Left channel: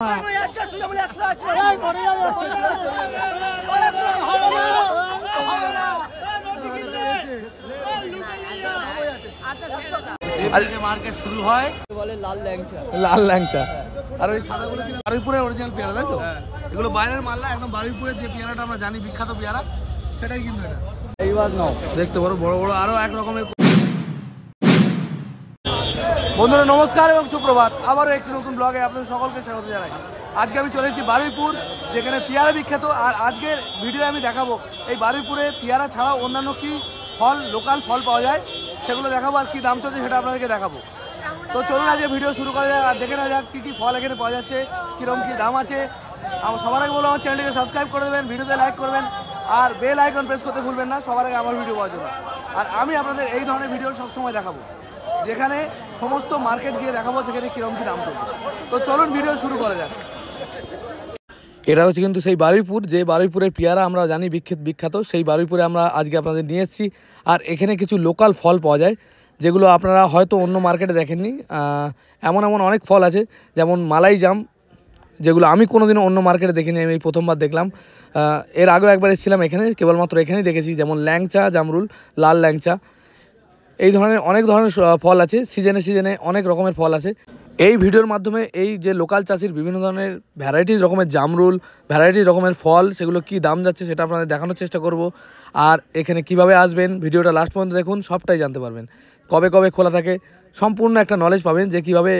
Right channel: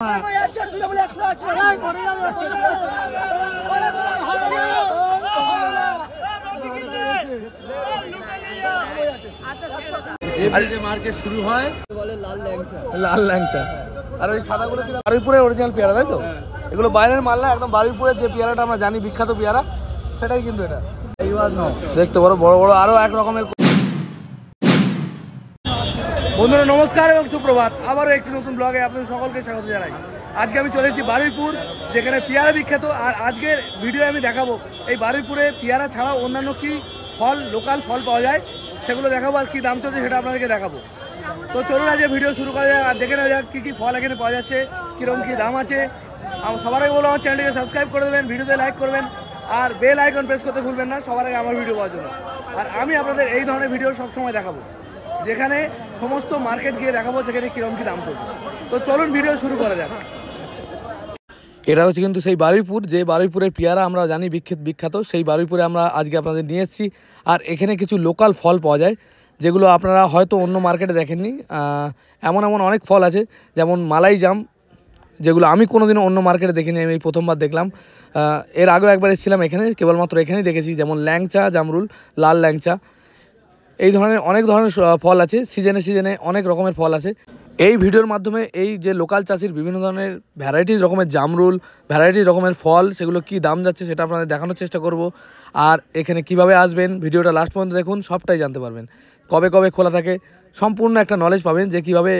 Market শুরু হয় বলে লাল ল্যাংচা আর ওই সাদাগুলো কিনা বারুইপুরের অরিজিনাল পেয়ারা, তাই তো? এগুলো বাইরের মাল না, একদম বারুইপুরের যে পেয়ারাটা আমরা জানি বিখ্যাত পেয়ারা, সেটাই কিন্তু এটা দেখতে পারো বড় বড় আরো এক রকমের। বন্ধুরা নমস্কার এবং সুপ্রভাত, আবারও একটি নতুন ব্লগে আপনাদের সকলকে স্বাগত জানাই। আজকে আমি চলে এসেছি বারুইপুর, যেখানে পেয়ারা বিখ্যাত। আর আজকের ভিডিও আমি দেখাবো এই বারুইপুরে পেয়ারা ছাড়াও অন্যান্য কি ফল, লোকাল ফল পাওয়া যায় সেগুলো দেখাবো, আর কী দাম চলছে সেটা আপনাদেরকে দেখাবো। তো চলুন আজকে ভিডিও শুরু করা যাক আর দেখে নেওয়া যাক কী কী ফল এখানে পাওয়া যাচ্ছে, কীরকম কী দাম আছে। আমার সবার আগে বলবো আমার চ্যানেলটিকে সাবস্ক্রাইব করে দেবেন, ভিডিওতে লাইক করবেন আর বেল আইকন প্রেস করতে ভুলবেন না সবার আগে আমার ভিডিও পাওয়ার জন্য। আর আমি আপনাদের এই ধরনের ভিডিও সবসময় দেখাবো, যেখানে সমস্ত মার্কেট গিয়ে দেখাবো যেখানে কীরকম কী দাম চলছে। তো চলুন ভিডিও শুরু করা যাক। এটা হচ্ছে কিন্তু সেই বারুইপুর, যে বারুইপুরের পেয়ারা আমরা জানি বিখ্যাত, সেই বারুইপুরে আমরা আজকে আপনাদের নিয়ে এসেছি। আর এখানে কিছু লোকাল ফল পাওয়া যায় যেগুলো আপনারা হয়তো অন্য মার্কেটে দেখেননি। এমন অনেক ফল আছে, যেমন মালাই জাম, যেগুলো আমি কোনোদিনও অন্য মার্কেটে দেখিনি, আমি প্রথমবার দেখলাম। এর আগেও একবার এসেছিলাম এখানে, কেবলমাত্র এখানেই দেখেছি। যেমন ল্যাংচা, জামরুল, লাল ল্যাংচা, এই ধরনের অনেক ধরনের ফল আছে। সিজনে অনেক রকমের ফল আছে। এই ভিডিওর মাধ্যমে এই যে লোকাল চাষির বিভিন্ন ধরনের ভ্যারাইটিস রকমের জামরুল, ভ্যারাইটিস রকমের ফল, সেগুলো কি দাম যাচ্ছে সেটা আপনাদের দেখানোর চেষ্টা করব। আর এখানে কিভাবে আসবেন ভিডিওটা লাস্ট পর্যন্ত দেখুন, সবটাই জানতে পারবেন। কবে খোলা থাকে সম্পূর্ণ একটা নলেজ পাবেন, যে কীভাবে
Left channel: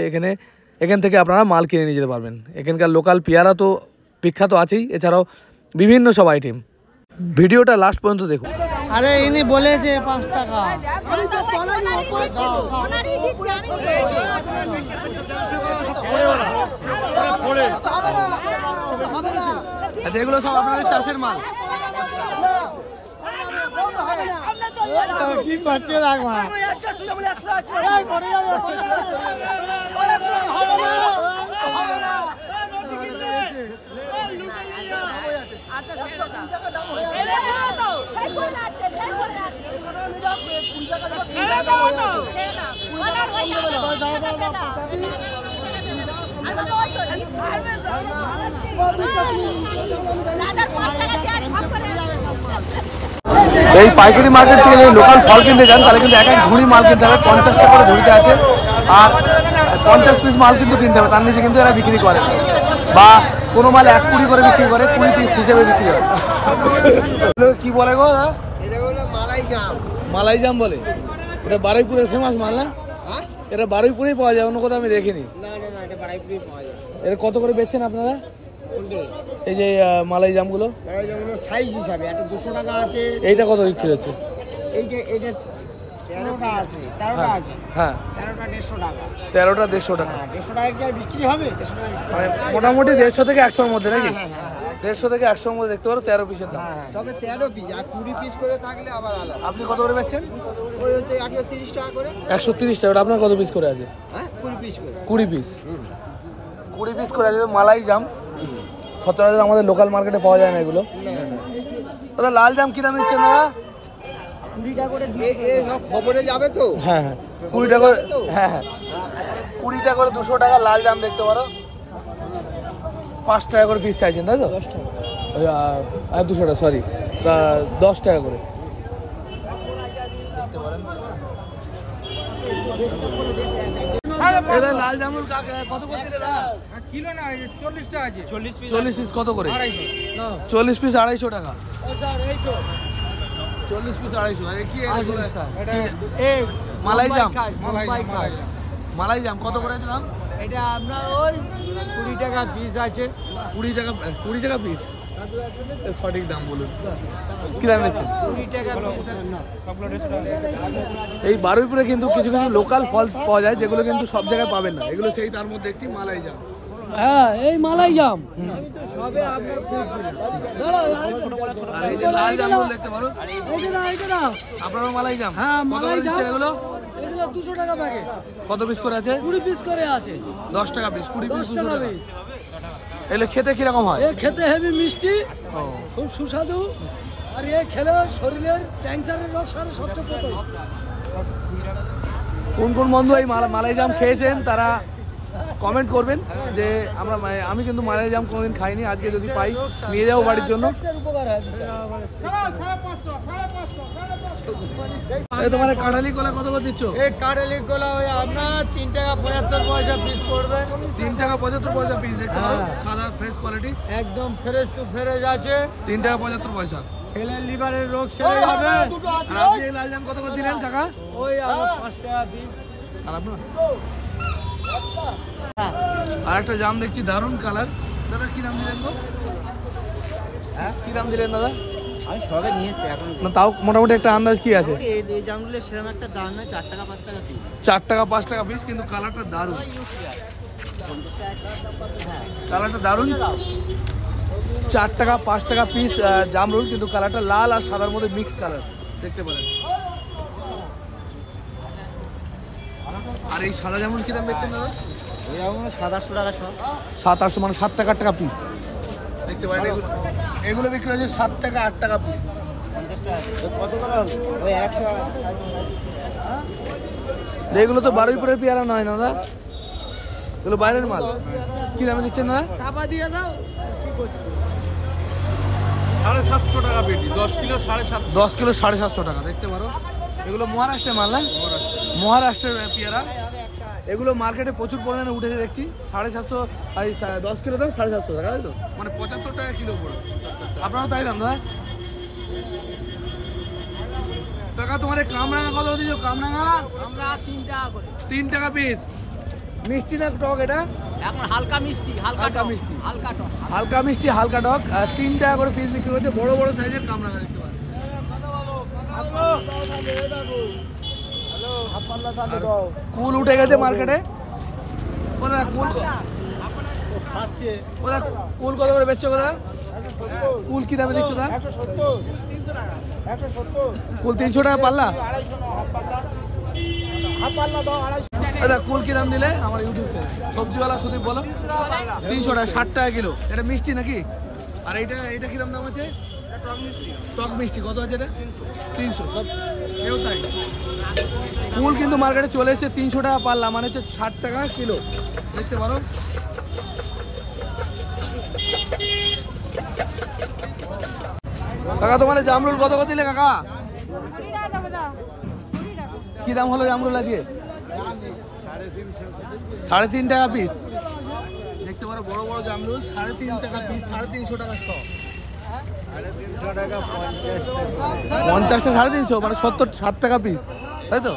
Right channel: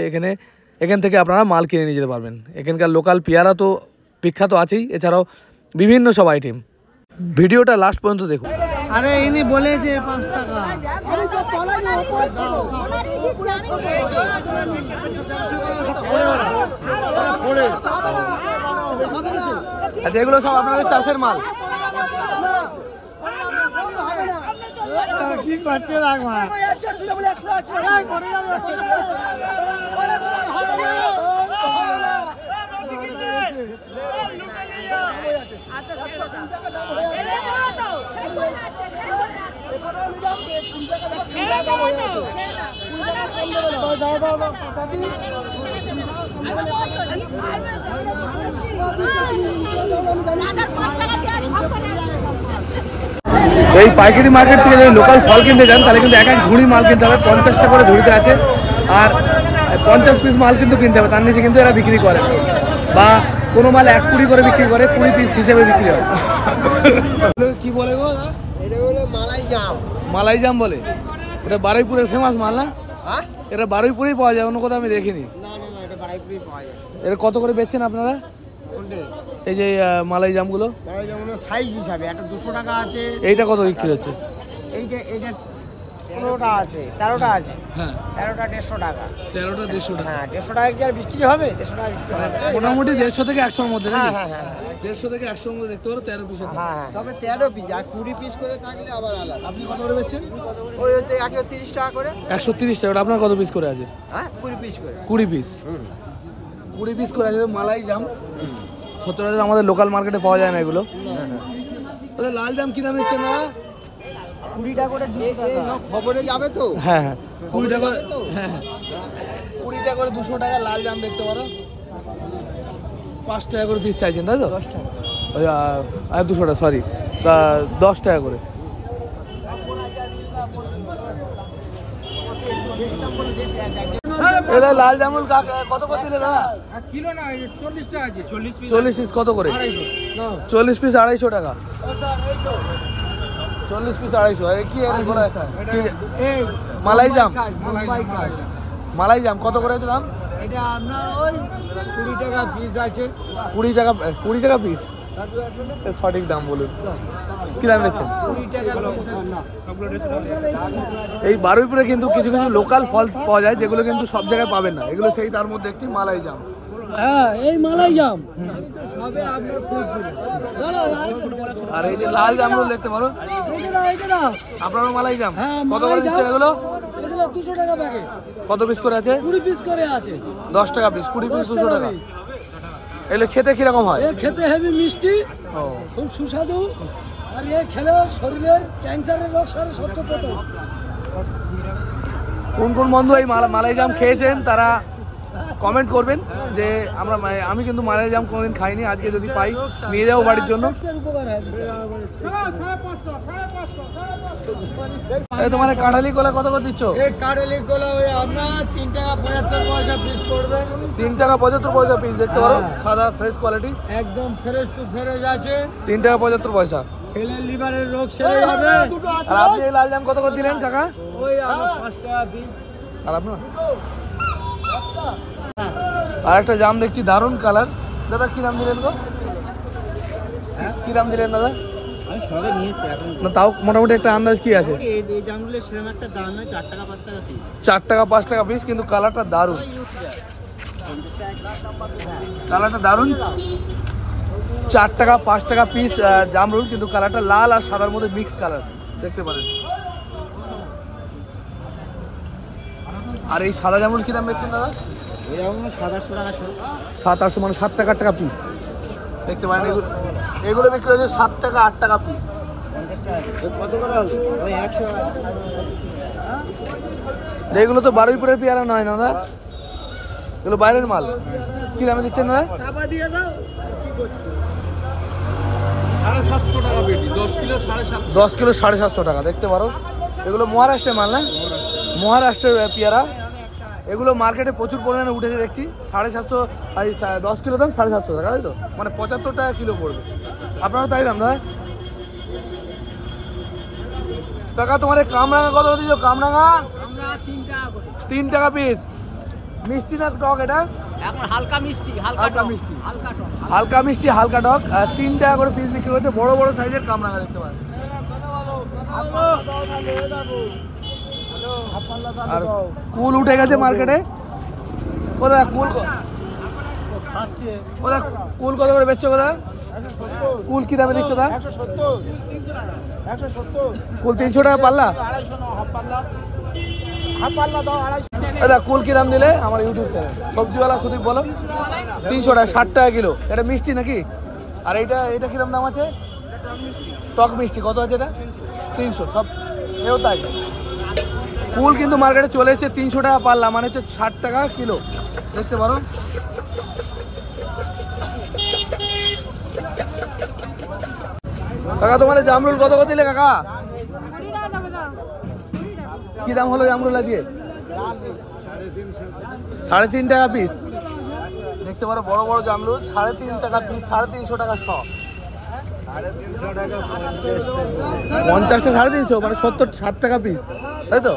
এখান থেকে আপনারা মাল কিনে নিয়ে যেতে পারবেন। এখানকার লোকাল পেয়ারা তো বিখ্যাত আছেই, এছাড়াও বিভিন্ন সব আইটেম। ভিডিওটা লাস্ট পর্যন্ত দেখুন। আরে ইনি বলে যে 5 টাকা। আচ্ছা, এগুলো সব আপনাদের চাষের মাল? কি করতে রাখবা? এই পাইকারি মার্কেট থেকে যদি লোকাল ফল কিনতে যান তাহলে কিন্তু এক ঝুড়ি মাল কিনতে হবে, 50 টাকা করে ঝুড়িতে আছে। আর 50 পিস মাল কিন্তু কিনতে হবে, তার নিচে কিন্তু এরা বিক্রি করে না। বা কোনো মাল 1 কুড়ি করে বিক্রি করে, 20 পিস হিসেবে বিক্রি হয়। কি বলে গো? এটা হলো মালাই জাম। মালাই জাম বলে? এটা বারুইপুরের ফেমাস মাল না? এটা বারুইপুরেই পাওয়া যায়, অন্য কোথাও আমি দেখিনি। না, এটা বারুইপুরেই পাওয়া যায়। এটা কত করে বেচছেন আপনারা এই যে মালাই জামগুলো? সাইজ হিসাবে একটা 200 টাকা আছে। এইটা কত বিক্রি হচ্ছে? এইটা 13টা আছে, 13টা আছে। হ্যাঁ, 13টা 150 টাকা। 13টা 150 টাকা। হ্যাঁ, 150 টাকা কি আর বিক্রি হবে? 150 টাকা মানে মোটামুটি 150 থেকে 100 এর মধ্যে নাকি? 150 থেকে 100 এর মধ্যে দেখতে পারো 13 পিসের দাম। তবে 13 পিস, আর 20 পিস করে থাকলে আবার আলাদা। আপনি কত করে বেচছেন? ওই হচ্ছে 130 টাকা করে। 130 টাকা। ওটা আপনার কত পিস করে আছে? হ্যাঁ, 20 পিস করে। 20 পিস। 20 পিস করে আছে মালাই জাম। সচরাচর আমাদের লোকাল মার্কেটে পাওয়া যায় না এগুলো। দাদা লাল জাম কি দাম দিচ্ছেন দাদা? 20 টাকা করে। খবরে যাবে তো? হ্যাঁ, 20 টাকা করে। হ্যাঁ, 20 টাকা করে 200 টাকা লাল জাম দেখতে পারো। 5 টাকা করে পিস চাইছেন তাই তো? 10 টাকা। আর 200 টাকা, সরি, 10 টাকা করে। এটা লাল জামুল কত করে দিলে দাদা? কিলো না, 40 টাকা আছে। 40 পিস কত করে? 40 পিস 250 টাকা। 40 পিস 250। কি মালাই জাম? মালাই জাম কত করে দাম? এটা আপনার ওই 20 টাকা পিস আছে। 20 টাকা পিস। সঠিক দাম বলুন, কি দাম দেখছেন? 20 টাকা পিস। এই বারুইপুরে কিন্তু কিছু লোকাল ফল পাওয়া যায় যেগুলো কিন্তু সব জায়গায় পাবেন না। এগুলো সেই তার মধ্যে একটি মালাই জাম। হ্যাঁ, এই মালাই জাম। আর এই যে লাল জামগুলো দেখতে পারো, আপনারও মালাই জাম। কত করে দিচ্ছেন এগুলো? 200 টাকা প্যাকেট। কত পিস করে আছে? 20 পিস করে আছে। 10 টাকা পিস। 20 পিস 200 টাকা। এগুলো খেতে কিরকম হয়? খেতে হেভি মিষ্টি, খুব সুস্বাদু। আর খেলে শরীরের ক্যান্সারের রোগ সারে সবচেয়ে প্রথম। কোন বন্ধু এই মালাই জাম খেয়েছেন তারা কমেন্ট করবেন যে আমি কিন্তু মালাই জাম কোনোদিন খাইনি, আজকে যদি পাই নিয়ে যাবো বাড়ির জন্য। তোমার কাঁঠালি কলা কত করে দিচ্ছ? কাঁঠালি কলা ওই আপনার 3 টাকা 75 পয়সা পিস পড়বে। 3 টাকা 75 পয়সা পিস, দেখতে পারো সাদা ফ্রেশ কোয়ালিটি, একদম ফ্রেশ টু ফ্রেশ আছে। 3 টাকা 75 পয়সা। খেলে লিভারের রোগ সেরে যাবে। আর আপনি এই লাল জাম কত করে দিলেন কাকা? ওই 5 টাকা পিস। আর আপনার আর একটা জাম দেখছি দারুণ কালার, দাদা কি দাম দিলেন গো? কি দাম দিলেন দাদা? আমি সবে নিয়েছি এখন না তাও মোটামুটি একটা আন্দাজ কি আছে? এই জামগুলো সেরকম একটা দাম না, 4 টাকা 5 টাকা পিস। 4 টাকা 5 টাকা পিস, কিন্তু কালারটা দারুণ, কালারটা দারুণ। 4 টাকা 5 টাকা পিস জামরুল, কিন্তু কালারটা লাল আর সাদার মধ্যে মিক্স কালার দেখতে পারেন। আর এই সাদা জামরুল কি দাম বেচছেন দাদা? ওই জামগুলো 700 টাকা সব। 700 মানে 7 টাকা 8 টাকা পিস দেখতে পারেন। এগুলো বিক্রি হচ্ছে 7 টাকা 8 টাকা পিস। 50 টাকা কত করে হলো? ওই 100। এগুলো তো বারুইপুরের পেয়ারা নয় না দাদা, এগুলো বাইরের মাল। কি দামে দিচ্ছেন দাদা? চাপা দিয়ে দাও। কি করছো? 750 টাকা পেটি, 10 কিলো 750। 10 কিলো 750 টাকা দেখতে পারো। এগুলো মহারাষ্ট্রের মাল না? মহারাষ্ট্রের পেয়ারা। এগুলো মার্কেটে প্রচুর পরিমাণে উঠেছে দেখছি। 750, 10 কিলো দাম 750 টাকা, তাই তো? মানে 75 টাকা কিলো পড়বে। আপনারও তাই দাম দাদা? টাকা তোমার কামরাঙা কত দিচ্ছ? কামরাঙা 3 টাকা পিস। মিষ্টি না টক এটা? এখন হালকা মিষ্টি, হালকা মিষ্টি, হালকা টক। হালকা মিষ্টি হালকা টক। 3 টাকা করে পিস বিক্রি হচ্ছে। বড় বড় সাইজের কামরাঙা দেখতে পারেন। আর কুল উঠে গেছে মার্কেটে। কোথায় কুল? কোথায় কুল কত করে বেচছো? কোথায় কুল কি দামে দিচ্ছ? কুল 300 টাকা পাল্লা। দাদা কুল কি দাম দিলে? আমার ইউটিউব চ্যানেল সবজিওয়ালা সুদীপ বলো। 300 টাকা, 60 টাকা কিলো। এটা মিষ্টি নাকি? আর এটা কিরম দাম আছে? টক মিষ্টি কত আছে এটা? 300 সব। এও তাই। কুল কিন্তু মার্কেটে চলে এসেছে 300 টাকা পাল্লা, মানে হচ্ছে 60 টাকা কিলো দেখতে পারো। কাকা তোমার জামরুল কত করে দিলে কাকা? কি দাম হলো জামরুল আজকে? 3.5 টাকা পিস দেখতে পারো। বড় বড় জামরুল 3.5 টাকা পিস, 350 টাকা শ। 350 টাকা 50টা 350, মানে 7 টাকা পিস, তাই তো?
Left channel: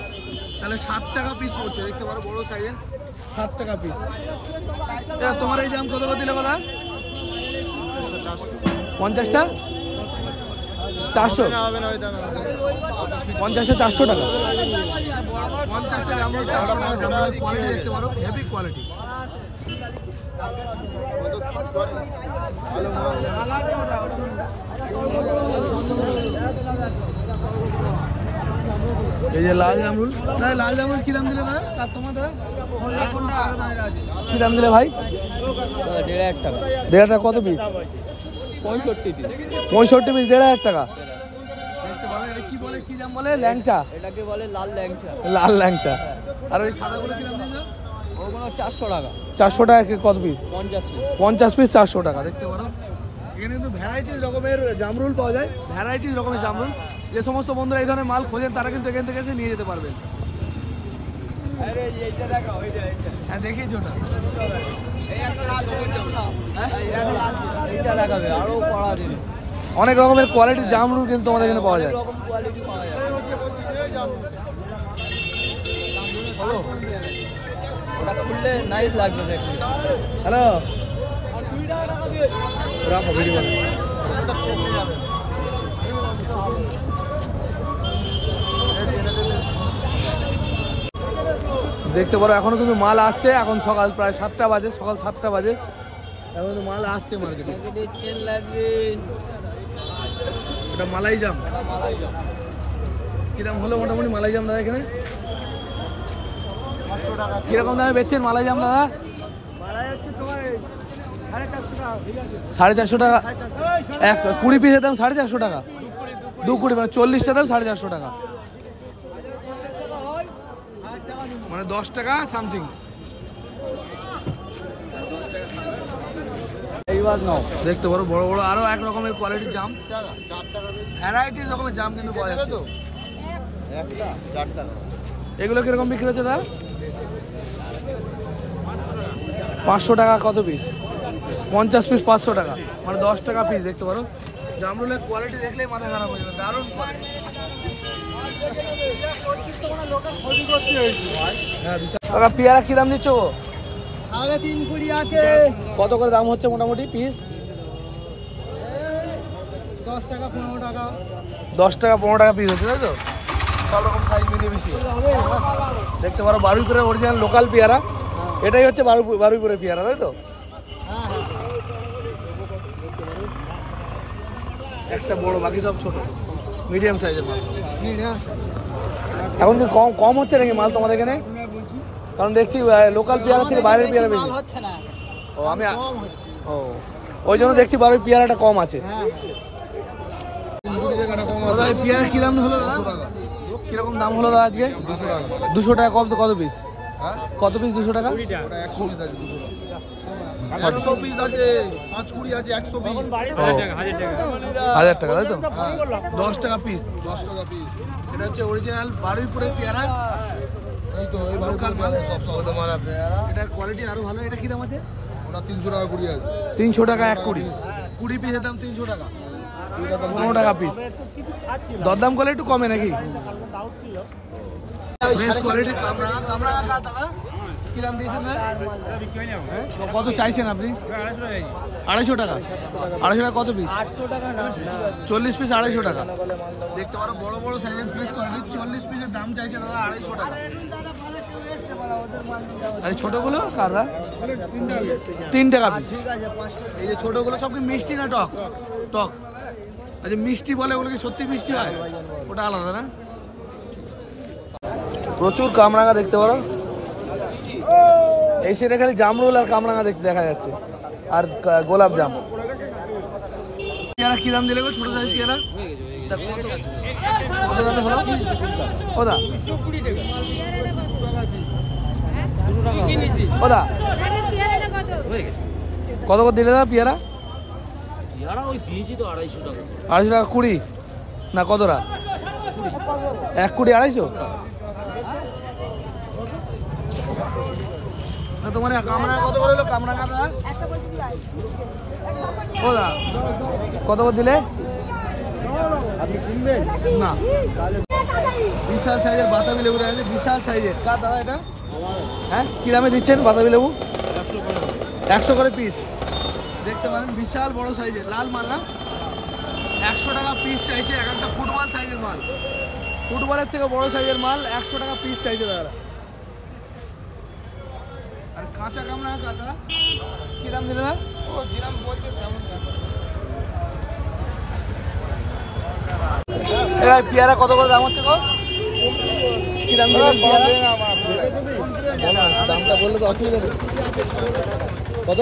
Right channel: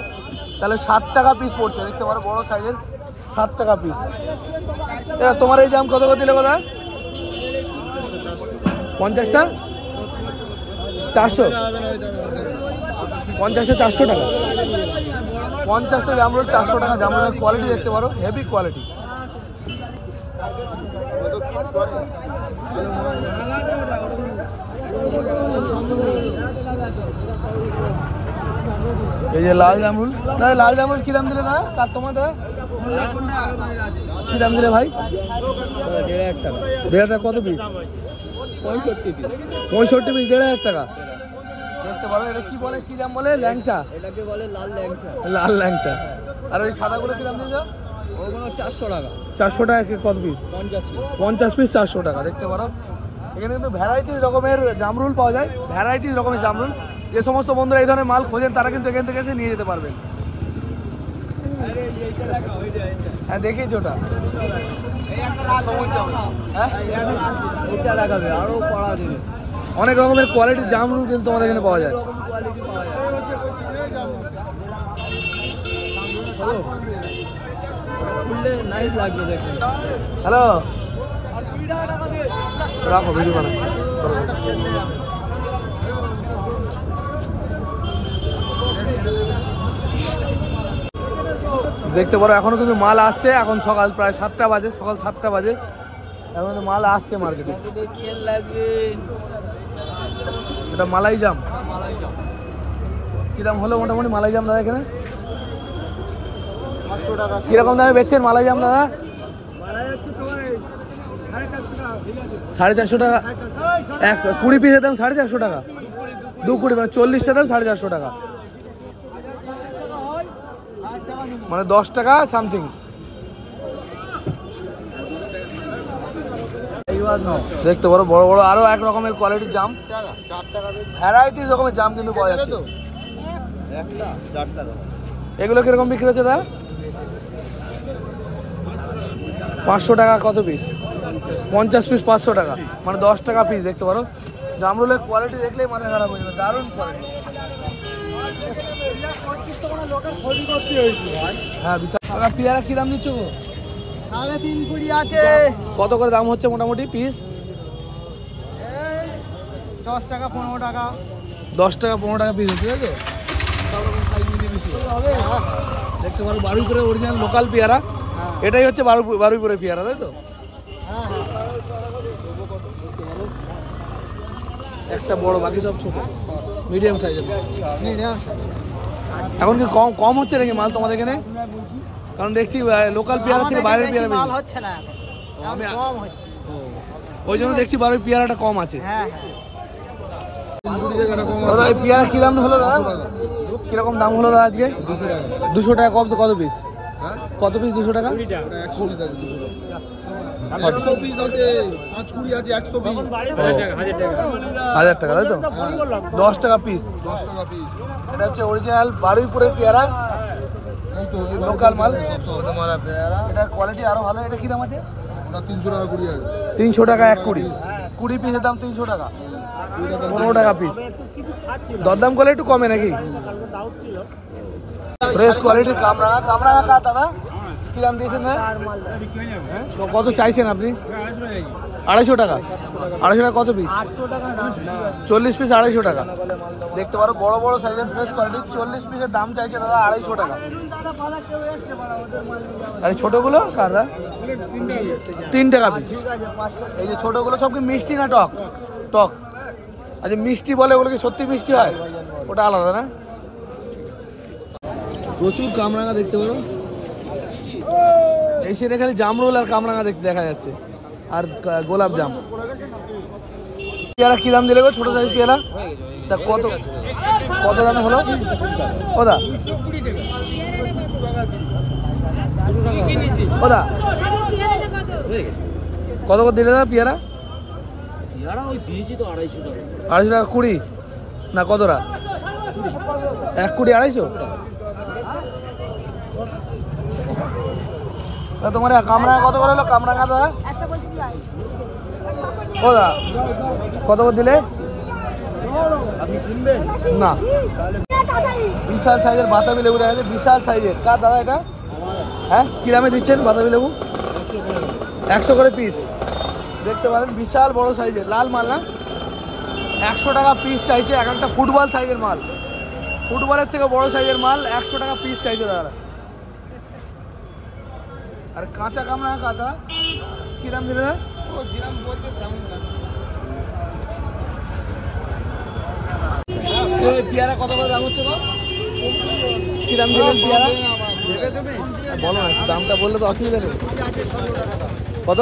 তাহলে 7 টাকা পিস পড়ছে দেখতে পারো, বড় সাইজের 7 টাকা পিস। তোমার এই জাম কত করে দিলে কথা? 50টা 400, 50টা 400 টাকা। 50টা জামরুল 400 টাকা। জামরুলের কোয়ালিটি দেখতে পারো, হেভি কোয়ালিটি। এই যে লাল জামরুল, দাদা লাল জামরুল কি দাম দিলে দাদা? কার তোমার দাদা কি দাম দিলে ভাই? 1.5 টাকা। 1.5 টাকা কত পিস? 65 পিস। 65 পিস 1.5 টাকা দেখতে পারো। এটা কি বলে, কি দাম বলে? ল্যাংচা। এটাকে বলে লাল ল্যাংচা। লাল ল্যাংচা। আর ওই সাদাগুলো কি দাম দিয়েছ? ওগুলো 400 টাকা। 400 টাকা কত পিস? 50 পিস 400 টাকা দেখতে পারো। এখানে কিন্তু ভ্যারাইটিস রকমের জামরুল পাওয়া যায়, ভ্যারাইটিস রকমের জামরুল। যে সমস্ত বন্ধুরা এই ধরনের মাল খোঁজেন তারা কিন্তু এখান থেকে এসে নিয়ে যেতে পারবেন। হ্যাঁ দেখিয়েছি ওটা। অনেক রকমের কোয়ালিটির জামরুল কিন্তু তোমাদের এখানে পাওয়া যায়। হ্যালো, রাখো ভিডিও বানাও। দেখতে পারো এখনো কিন্তু মাল আসছে। এখন সকাল প্রায় 7টা বাজে, সকাল 7টা বাজে। এখন মাল আসছে মার্কেটে। এটা মালাই জাম। কি দাম হলো মোটামুটি মালাই জাম দাদা এখানে? কিরকম দামে বেচছেন মালাই জাম দাদা? 450 টাকা। 20 পিসের দাম 450 টাকা। 220 মানে 40টা দাম 450 টাকা, মানে 10 টাকা সামথিং। দেখতে পারো বড় বড় আরো এক রকমের কোয়ালিটির জাম, ভ্যারাইটিস রকমের জাম কিন্তু পাওয়া যাচ্ছে। এগুলো কিরকম বিক্রি হচ্ছে দাদা? 500 টাকা কত পিস? 50 পিস 500 টাকা, মানে 10 টাকা পিস। দেখতে পারো জামরুলের কোয়ালিটি দেখলেই মাথা খারাপ হয়ে যাবে, দারুণ কোয়ালিটি। হ্যাঁ বিশাল। পেয়ারা কি দাম দিচ্ছ গো? 3.5 কুড়ি আছে। কত করে দাম হচ্ছে মোটামুটি পিস? 10 টাকা 15 টাকা। 10 টাকা 15 টাকা পিস হচ্ছে, তাই তো? সব রকম সাইজ মিলিয়ে বেশি। দেখতে পারো বারুইপুরের অরিজিনাল লোকাল পেয়ারা, এটাই হচ্ছে বারুইপুরের পেয়ারা, তাই তো? একটা বড়, বাকি সব ছোট মিডিয়াম সাইজের মাল। এখন কি কম হচ্ছে নাকি মাল তোমাদের এখানে? কারণ দেখছি লোকাল পেয়ারা থেকে বাইরের পেয়ারা বেশি হচ্ছে না। ও আমি ওই জন্য দেখছি বারুই পেয়ারাটা কম আছে। দাদা এই পেয়ারা কি দাম হলো দাদা? কিরকম দাম হলো দাদা আজকে? 200 টাকা। কত পিস? কত পিস 200 টাকা? 100 পিস আছে, 5 কুড়ি আছে, 100 পিস, 1000 টাকা, তাই তো? 10 টাকা পিস। 10 টাকা পিস। এটা হচ্ছে অরিজিনাল বারুইপুরের পেয়ারা, এই তো লোকাল মাল। এটার কোয়ালিটি আরো ভালো। এটা কি দাম আছে? ওটা 300 টাকা কুড়ি আছে। 300 টাকা 1 কুড়ি। 20 পিসের দাম 300 টাকা, 15 টাকা পিস। দরদাম করলে একটু কমে নাকি? ফ্রেশ কোয়ালিটির কামরাঙা। কামরাঙা কার দাদা? কি দাম দিয়েছেন না? কত চাইছেন আপনি? 250 টাকা। 250 টাকা কত পিস? 40 পিস 250 টাকা। দেখতে পারো বড় বড় সাইজের ফ্রেশ কোয়ালিটি। 40 পিসের দাম চাইছে দাদা 250 টাকা। আর ছোটগুলো কার দাদা? 3 টাকা পিস। এই যে ছোটগুলো সব কি মিষ্টি না টক? টক। আচ্ছা মিষ্টি বলে, ওগুলো কি সত্যি মিষ্টি হয়? ওটা আলাদা না? প্রচুর কামরাঙা দেখতে পারো। এই সেটা খালি জামরুল আর কামরাঙা দেখতে দেখা যাচ্ছে, আর গোলাপ জাম। পেয়ারা কি দাম দিলে গো? ছোট সাইজ পেয়ারা তা কত কত দামে হলো? ওদা ওদা কত করে দিলে দাদা পেয়ারা? 250 টাকা কুড়ি না কতটা? 1 কুড়ি 250? তোমার কামরাঙা কত করে হলো? কামরাঙা দাদা ও দা কত করে দিলে? না বিশাল সাইজের বাতাবি লেবু দেখা যাচ্ছে, বিশাল সাইজের। কার দাদা এটা? হ্যাঁ কি দামে দিচ্ছেন বাতাবি লেবু? 100 করে পিস। দেখতে পারেন বিশাল বড় সাইজের লাল মাল না? 100 টাকা পিস চাইছে। এক একটা ফুটবল সাইজের মাল, ফুটবলের থেকে বড় সাইজের মাল 100 টাকা পিস চাইছে দাদা। আর কাঁচা কামরাঙা কাদা কি দাম দিলে দাদা? পেয়ারা কত করে দাম হচ্ছে গো? কি দাম দিলেন পেয়ারা? বলো না, দামটা বললে তো অসুবিধা নেই। কত?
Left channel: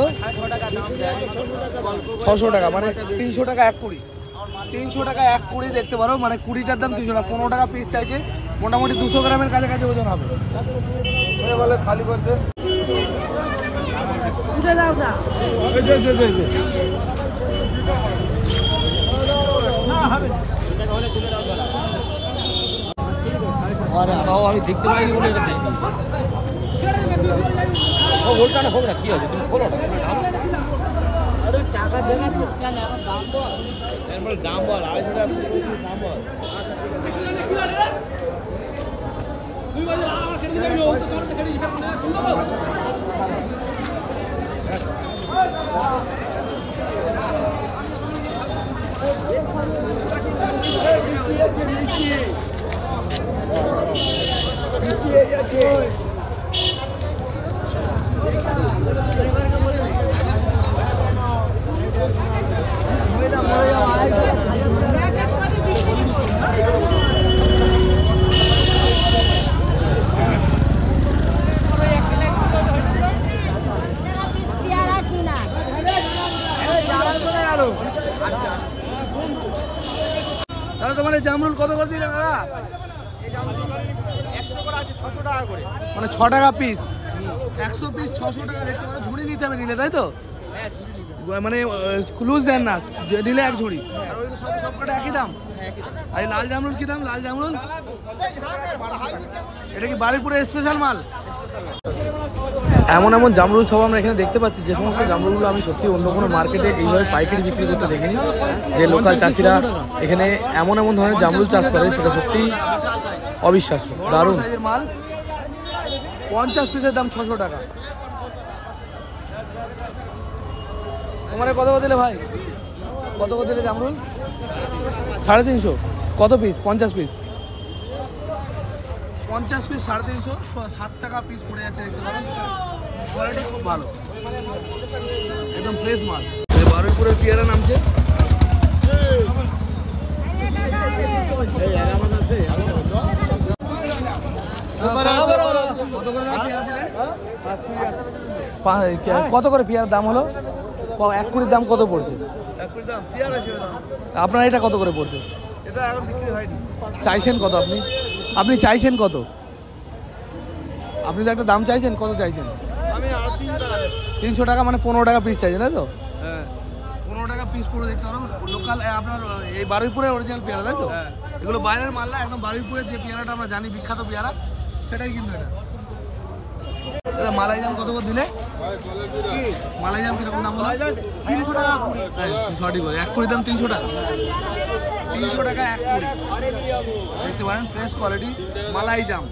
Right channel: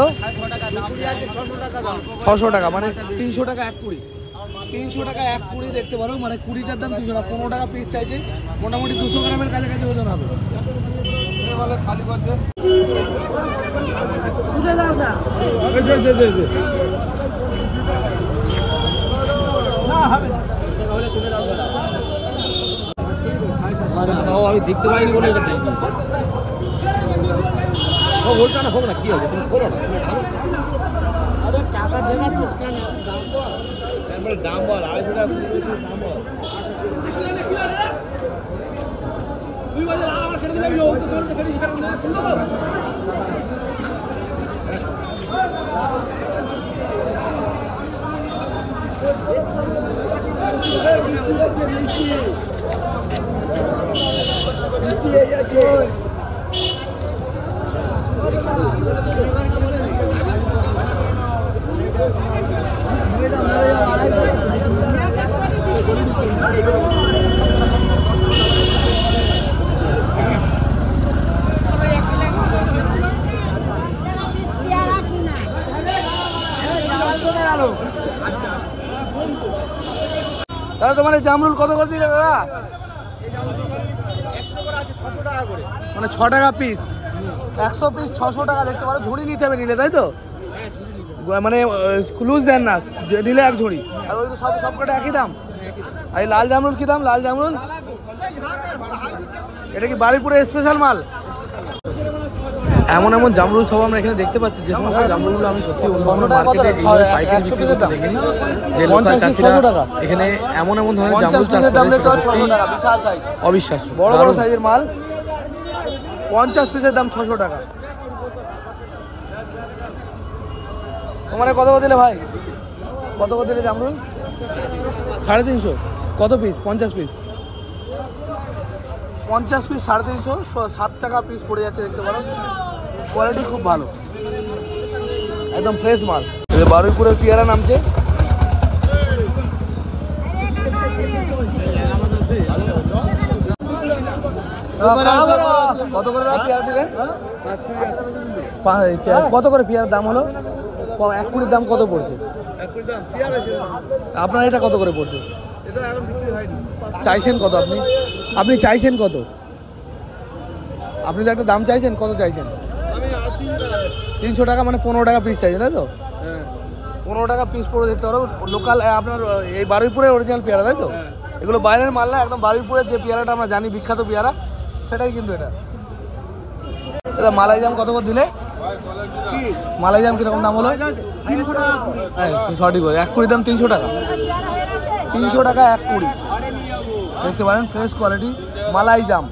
600 টাকা, মানে 300 টাকা 1 কুড়ি। 300 টাকা 1 কুড়ি। দেখতে পারো মানে 20টার দাম 300 টাকা। 15 টাকা পিস চাইছে, মোটামুটি 200 গ্রামের কাছাকাছি ওজন হবে। আমি দেখতে পারি বলটা না হোক না, কি আছে তুমি খোলো না, টাকা দেবে দাম বল। 250 টাকা দাদা তোমার এই জামরুল কত করে দিলে দাদা? 100 করে আছে, 600 টাকা করে, মানে 6 টাকা পিস। 100 পিস 600 টাকা। দেখতে পারো ঝুড়ি নিতে হবে নিলে, তাই তো? মানে লুজ দেন না, নিলে এক ঝুড়ি। আর ওই সব কটা একই দাম। আর লাল জামরুল কি দাম? লাল জামরুল এটা কি বারুইপুরের স্পেশাল মাল? এমন এমন জামরুল সব আমরা এখানে দেখতে পাচ্ছি, যে সমস্ত জামরুলগুলো আমি সত্যি অন্য কোনো মার্কেটে এইভাবে পাইকারি বিক্রি করতে দেখিনি। যে লোকাল চাষিরা এখানে এমন এমন ধরনের জামরুল চাষ করে, সেটা সত্যি অবিশ্বাস্য। দারুণ সাইজের মাল। 50 পিসের দাম 600 টাকা। তোমার কত দিলে ভাই? কত দিলে জামরুল? 350। কত পিস? 50 পিস। 50 পিস 350, 7 টাকা পিস পড়ে যাচ্ছে, দেখতে পারো। কোয়ালিটি খুব ভালো, একদম ফ্রেশ মাল। বারুইপুরের পেয়ারা নামছে। কত করে দাম পেয়ারা দিলেন? কত করে পেয়ারার দাম হলো? 1 কুড়ির দাম কত পড়ছে? আপনার এটা কত করে পড়ছে? এটা এখন বিক্রি হয়নি। চাইছেন কত আপনি? আপনি চাইছেন কত? আপনি তো একটা দাম চাইছেন, কত চাইছেন? আমি 300 টাকা, মানে 15 টাকা পিস চাইছেন, তাই তো? হ্যাঁ 15 টাকা পিস পড়ে দেখতে পারো। লোকাল আপনার এই বারুইপুরের অরিজিনাল পেয়ারা, তাই তো? এগুলো বাইরের মাল না, একদম বারুইপুরের যে পেয়ারাটা আমরা জানি বিখ্যাত পেয়ারা, সেটাই কিন্তু এটা। এটা মালাই জাম কত করে দিলে? মালাই জাম কিরকম দাম হলো? 300 টাকা। হ্যাঁ সঠিক বলে। 1 কুড়ির দাম 300 টাকা। 300 টাকা 1 কুড়ি। দেখতে পারেন ফ্রেশ কোয়ালিটি মালাই জাম।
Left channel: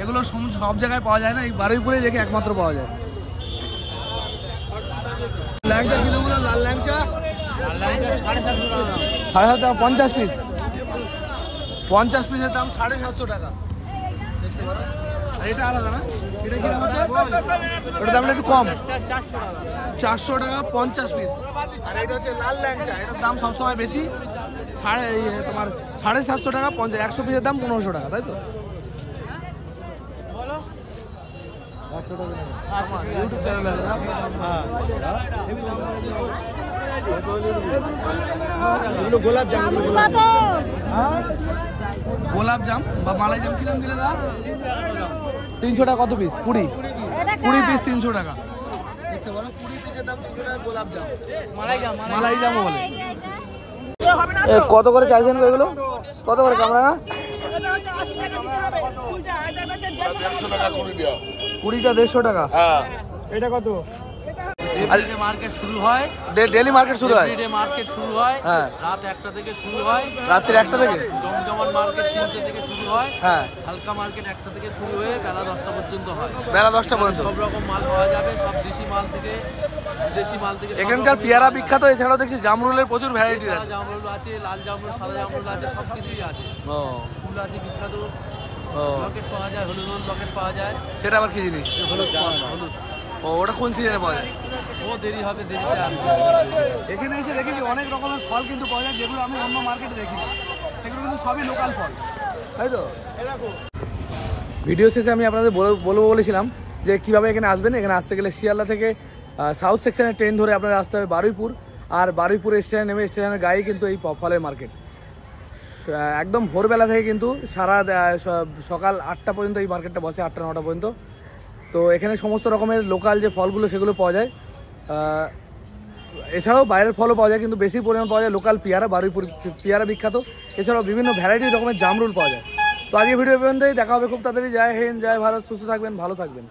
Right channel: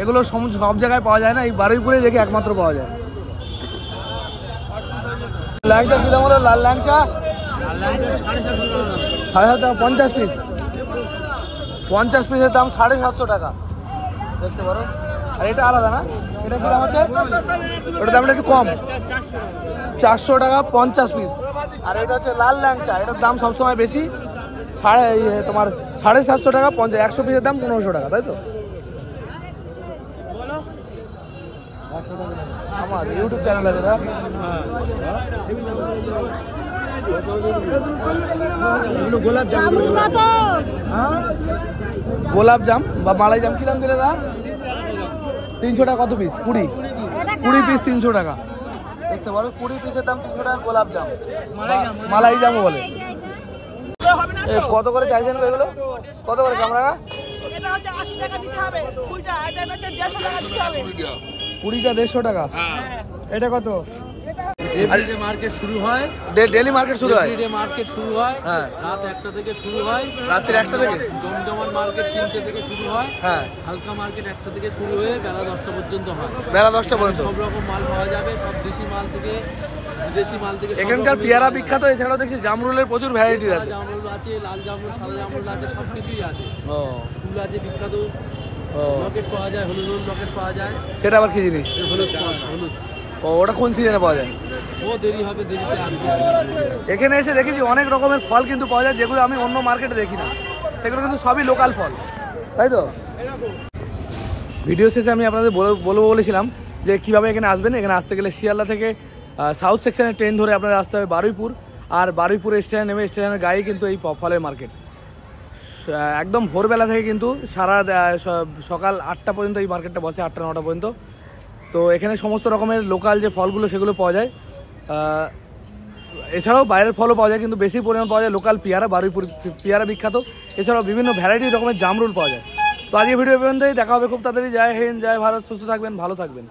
এগুলো সব জায়গায় পাওয়া যায় না, এই বারুইপুরে রেখে একমাত্র পাওয়া যায়। ল্যাংচা কি দাম হলো? লাল ল্যাংচা 750 টাকা 50 পিস। 50 পিসের দাম 750 টাকা, দেখতে পারো। আর এটা আলাদা না, এটা কি দাম হচ্ছে? ওটার দামটা একটু কম, 400 টাকা 50 পিস। আর এটা হচ্ছে লাল ল্যাংচা, এটার দাম সবসময় বেশি, তোমার 750 টাকা 50। 100 পিসের দাম 1500 টাকা, তাই তো? আমার ইউটিউব চ্যানেল আছে না? গোলাপ জাম বা মালাই জাম কি দাম দিলে না? 300 টাকা। কত পিস? 20 পিস 300 টাকা, দেখতে পারো। 20 পিসের দাম 300 টাকা গোলাপ জাম, মালাই জামও বলে। কত করে চাইছেন এগুলো? কত করে? 20টা 150 টাকা। এটা কত? এভরিডে মার্কেট শুরু হয়, ডেলি মার্কেট শুরু হয়। এভরিডে মার্কেট শুরু হয়, হ্যাঁ রাত 1টা থেকে শুরু হয়, রাত্রি 1টা থেকে। জমজমান মার্কেট 3টে থেকে শুরু হয়, হ্যাঁ হালকা মার্কেট 1টা থেকে শুরু হয়ে বেলা 10টা পর্যন্ত হয়। বেলা 10টা পর্যন্ত সব রকম মাল পাওয়া যাবে, সব দেশি মাল থেকে বিদেশি মাল থেকে। এখানকার পেয়ারা বিখ্যাত, এছাড়াও দেখছি জামরুলের প্রচুর ভ্যারাইটি আছে। জামরুল আছে, লাল জামরুল, সাদা জামরুল আছে, সব কিছুই আছে। ও ফুল আছে বিখ্যাত, ও লকেট পাওয়া যায়, হলুদ লকেট পাওয়া যায়। সেটা আবার কি জিনিস? হলুদ ফল, হলুদ। ও ওটা কোন সিজনে পাওয়া যায়? ও দেরি হবে, দেরিতে আসবে। এখানে এসে দেখেছি অনেক রকমের ফল কিন্তু পাওয়া যায়, যেগুলো আমি অন্য মার্কেটে দেখি না। সেগুলো কিন্তু সবই লোকাল ফল, তাই তো? ভিডিও শেষে আমি আপনাদের বলবো বলেছিলাম যে কীভাবে এখানে আসবেন। এখানে আসতে গেলে শিয়ালদা থেকে সাউথ সেকশনের ট্রেন ধরে আপনাদের আসতে হবে বারুইপুর। আর বারুইপুর স্টেশন নেমে স্টেশনের গায়ে কিন্তু এই ফলের মার্কেট। একদম ভোরবেলা থেকে কিন্তু সারা সকাল 8টা পর্যন্ত এই মার্কেটটা বসে, 8টা 9টা পর্যন্ত। তো এখানে সমস্ত রকমের লোকাল যে ফলগুলো সেগুলো পাওয়া যায়। এছাড়াও বাইরের ফলও পাওয়া যায়, কিন্তু বেশি পরিমাণ পাওয়া যায় লোকাল পেয়ারা। বারুইপুর পেয়ারা বিখ্যাত, এছাড়াও বিভিন্ন ভ্যারাইটি রকমের জামরুল পাওয়া যায়। তো আজকে ভিডিও পর্যন্তই, দেখা হবে খুব তাড়াতাড়ি। জয় হিন্দ, জয় ভারত, সুস্থ থাকবেন, ভালো থাকবেন।